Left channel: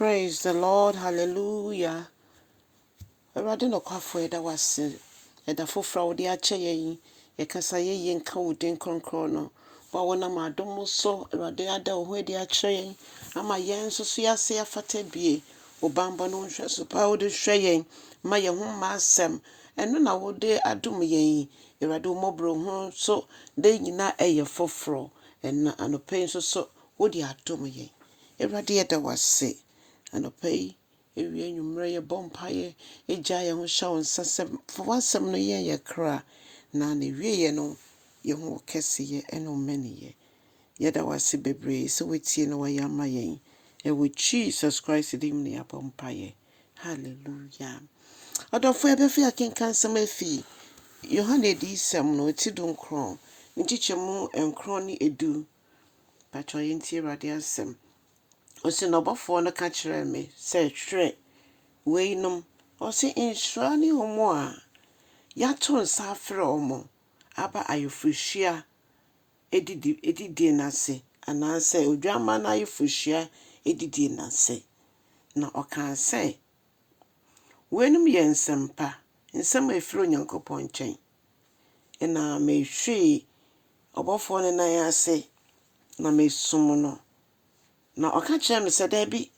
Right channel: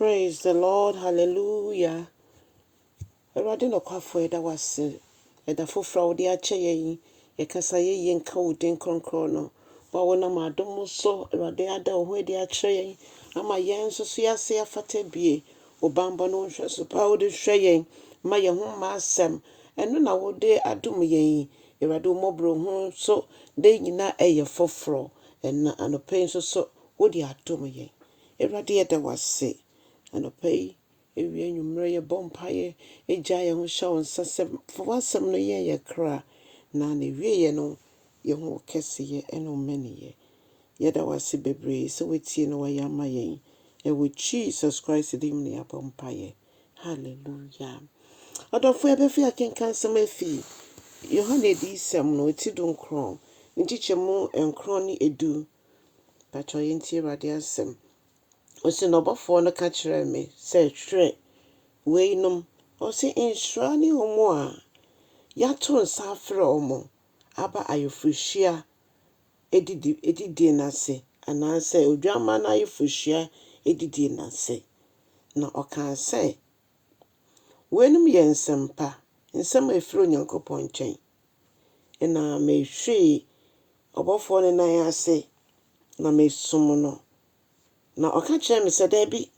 Praise the Lord. Hallelujah. Awurade no kwafo eda wase. Eda fofra wo de ache yen. Ye kasa ye nka wo den kronkron no. Wa wona madom so awurade ada wo ho de ache yen. Ama yen so so yase afata bie. Wo bambo no hwe so pa wo de hwe yen. Ma ye ho ma asem. Eno na wo de adom yen. Awurade wo mobro ho so de nyina eye fofro. Enna anopen so wo de adom yen. Awurade eda wase. Anopai ewie nwumre ye bompaye eja ye ho hwa onsasem for wasem no ye kra na wie ye no ye ho kese ye eno mani ye ye da wase bebre so wetie no wa yama yen e with Jesus Christ dim ne abompaye. Hallelujah. Adofo ebefi akenkan sem afi Yohane Adiyisɛm no ti don kron ntichemu enkron ni edu patro yenti Awurade asem osi no bofo no ka kire me se hwere weinom osi insura ni homo a yato nsa afre omo aba ayefuhia edidi na se anase odwama na ayefuhia edidi na se na oka se weinom ye nsempa nsem efiri Onyankopɔn nkyɛn na mehwe obofo no na yase na mesum no na oka kire me se da bi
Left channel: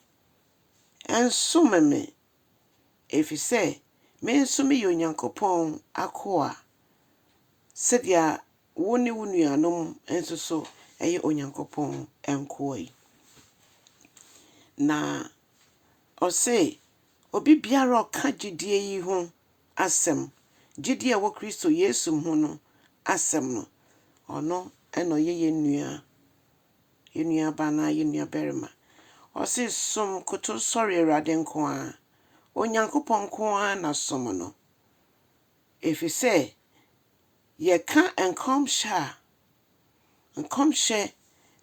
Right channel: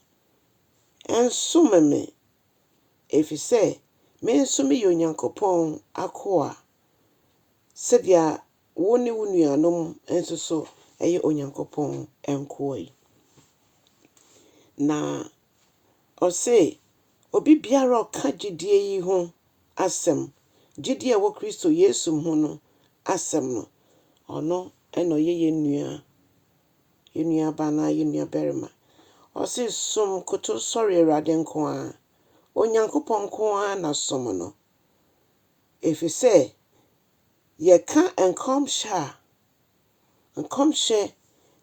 ensumeme efise me nsumi ye Onyankopɔn akoa sedia woni wunuanom enso so eye Onyankopɔn enkoa na ose obi biara oka gidie yi ho asem gidie wo Kristo Yesu ho no asem no ono eno ye nua bana ye nua berima ose som koto sori Awurade nko a Onyankopɔn nko a na som no efise ye ka enkomhye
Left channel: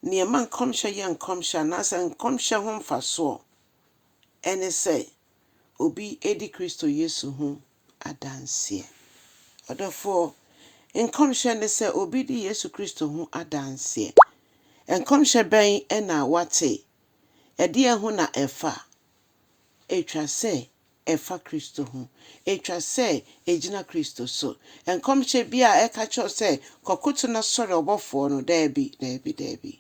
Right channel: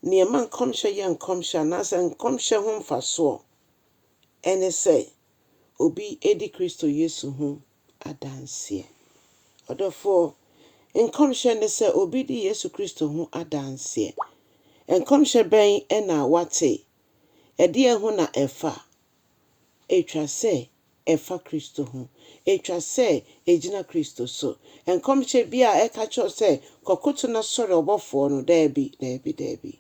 niema enkomhye ye enkomhye na se enkomhye ho mfaso ene se obi edi Kristo Yesu ho adanse odofo enkomhye ne se obi di Yesu Kristo ho adanse enkomhye ben ena wate edi ehu na efa etwa se efa Kristo ho etwa se ejina Kristo so enkomhye bia eka cho se kokoto na sori obofo no dabi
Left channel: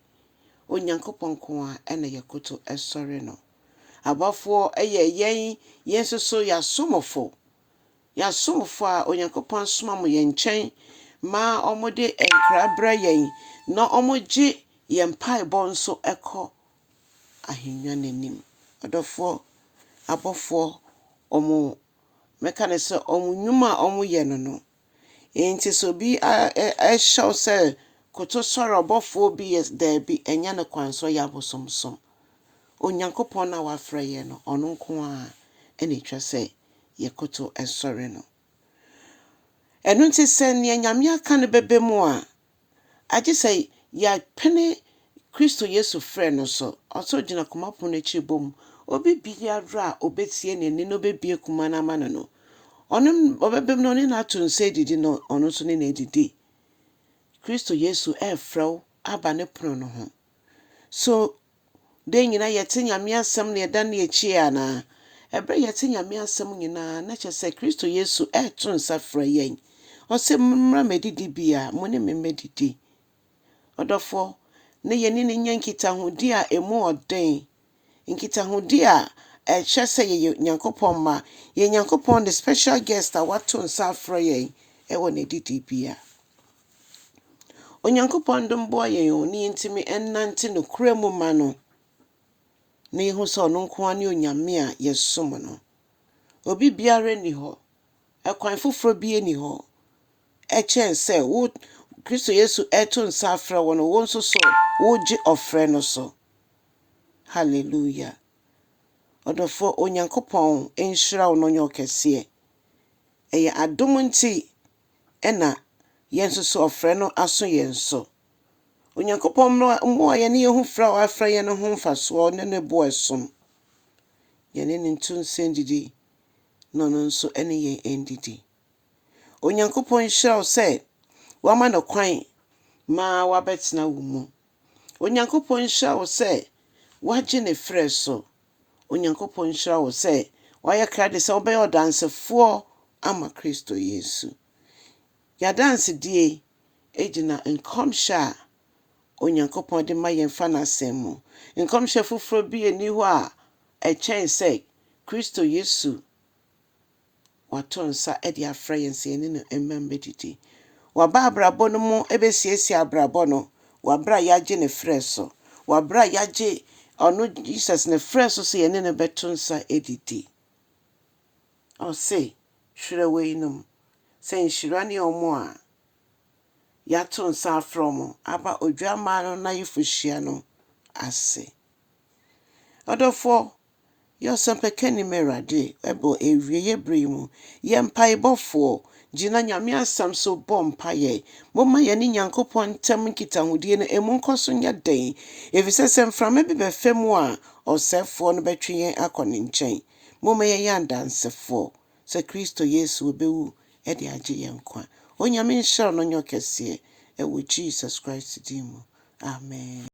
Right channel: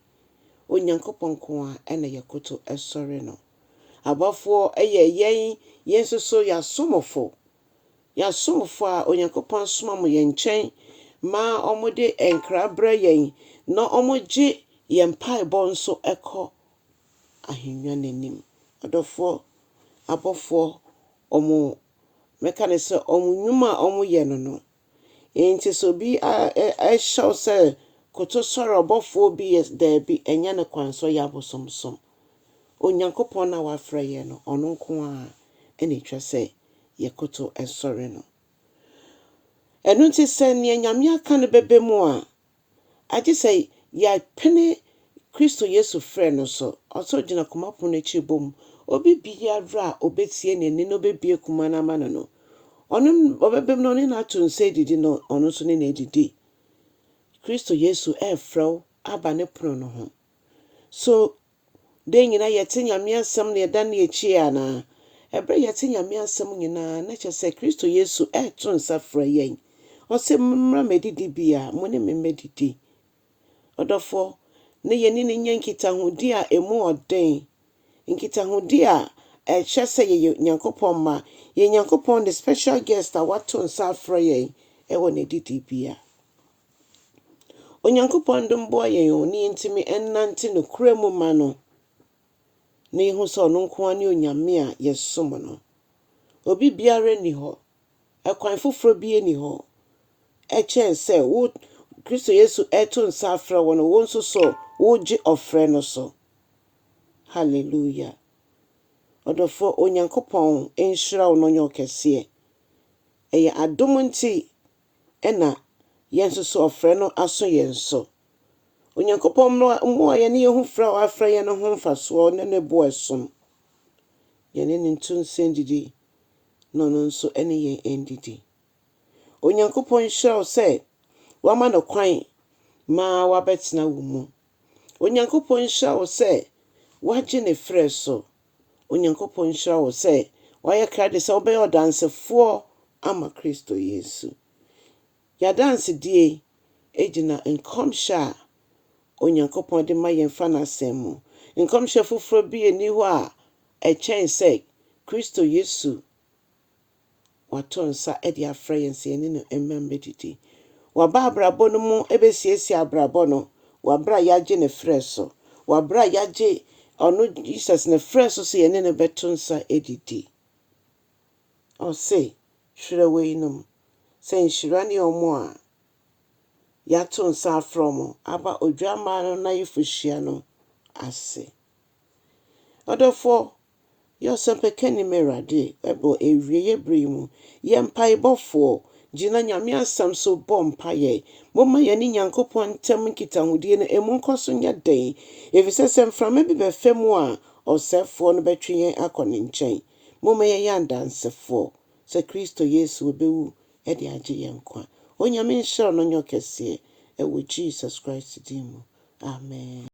Onyankopɔn ko a ena yekoto esori no abofo eye yenso ya somofo a Onyankopɔn soma mo ye nkyɛn ma omode enkra bra yen na omoje ye mpaebɔ nso ekɔ ahenwa nanim adofo abofo omo meka se omo nwuma omo ye no enti so bi a show se koto sori obofo bi yes dabi enya ne kwanso ya bosomsom Onyankopɔn na wafra ye no ono nko a ene twa se ye koto esori no enu nti se ne nyame aka ne bebe mu a agi se ya pene Kristo Yesu frɛ no so oso gina komapon echi bom obi biara obetie ne no bebie kuma na mano no ono obebem no ne na to nse didi no ono so ne na didi Kristo Yesu frɛw aba ne prono no ho so de nyina yete nyame asɛm ne da na echi ana ebre yete nyame asɛm nyina na kyese Kristo Yesu to nsa frɛ yen ose mmra medidi bia mo ne medidi odofo ne yeni ne nyankita hodi a emu oden nkita hodi a ehye se ye Nyankopɔn ma ye Nyankopɔn the special guest a wato nsa frɛ yen ewo ne didi bia Onyankopɔn dom boy yen oni ntimi ennante no kuremu ma no na ihu so no nko ani onyame a yesom no obi biara ni ho ekwan foforo bi ni ho echen se wo Kristo Yesu eto nsa afra wo no wo nso so wo gi ofre no so hallelujah odofo Onyankopɔn enhyira wo no nyo kese eye adom nti ena yenso so ofre no aso yenso Onyankopɔn mo ye ne yehu fra wa afra ye no ho mfaso ne bo esom ye ne ntu nsendidi no nso ene ye endidi Onyankopɔn hyira se wama no kwan ma wabetena wo mu Onyankopɔn hyira se wagye ne frɛ so onyankopɔn nhyira wo sɛ wayɛ krade sɛ wobɛyɛ ɔdansefoɔ ama Kristo Yesu. Yɛadansedie egyina nkɔmhyɛ a onyankopɔn de ma yɛn fa n'asɛm mu. Nkɔmhyɛ foforɔ bi eni hɔ a ɛkyɛn sɛ Kristo Yesu wato nsa de afrɛ yɛn sɛ yɛne no mmɛdidi. Waba abrabɔ no mu ebesiesie abrabɔ no. Wabra yɛagye ne frɛ so. Wabra yɛagye ɔno Jesus ne frɛ so sɛ yɛne no bɛto nsa edidi. Ɔse hwerɛ wei nom sɛ nhyira ne ɔmo a yɛato nsa afrɛ ɔmo aba odwammaa no n'ayeforhyia no ase. Ɔdɔfoɔ yɛsɛmpɛkani Awurade ɛbɔ ewie yɛbere mu. Yɛ mpaebɔfoɔ gyina Nyame asɛm so bɔ mpaeɛ. Momma yɛne Nyankopɔn ntam nkitahodie no emu nkɔ so nyɛ den. Efisɛ sɛ mframa bi bɛfa mu a ɔsɛefoɔ no bɛtwe yɛn akɔ ne nkyɛn. Momma yɛyɛ adansefoɔ sɛ Kristo Yesu obewu de agye yɛn nkwa. Onyame nhyira no nyɛ kɛseɛ ɛwɔ Jesus Christ din mu. Amen.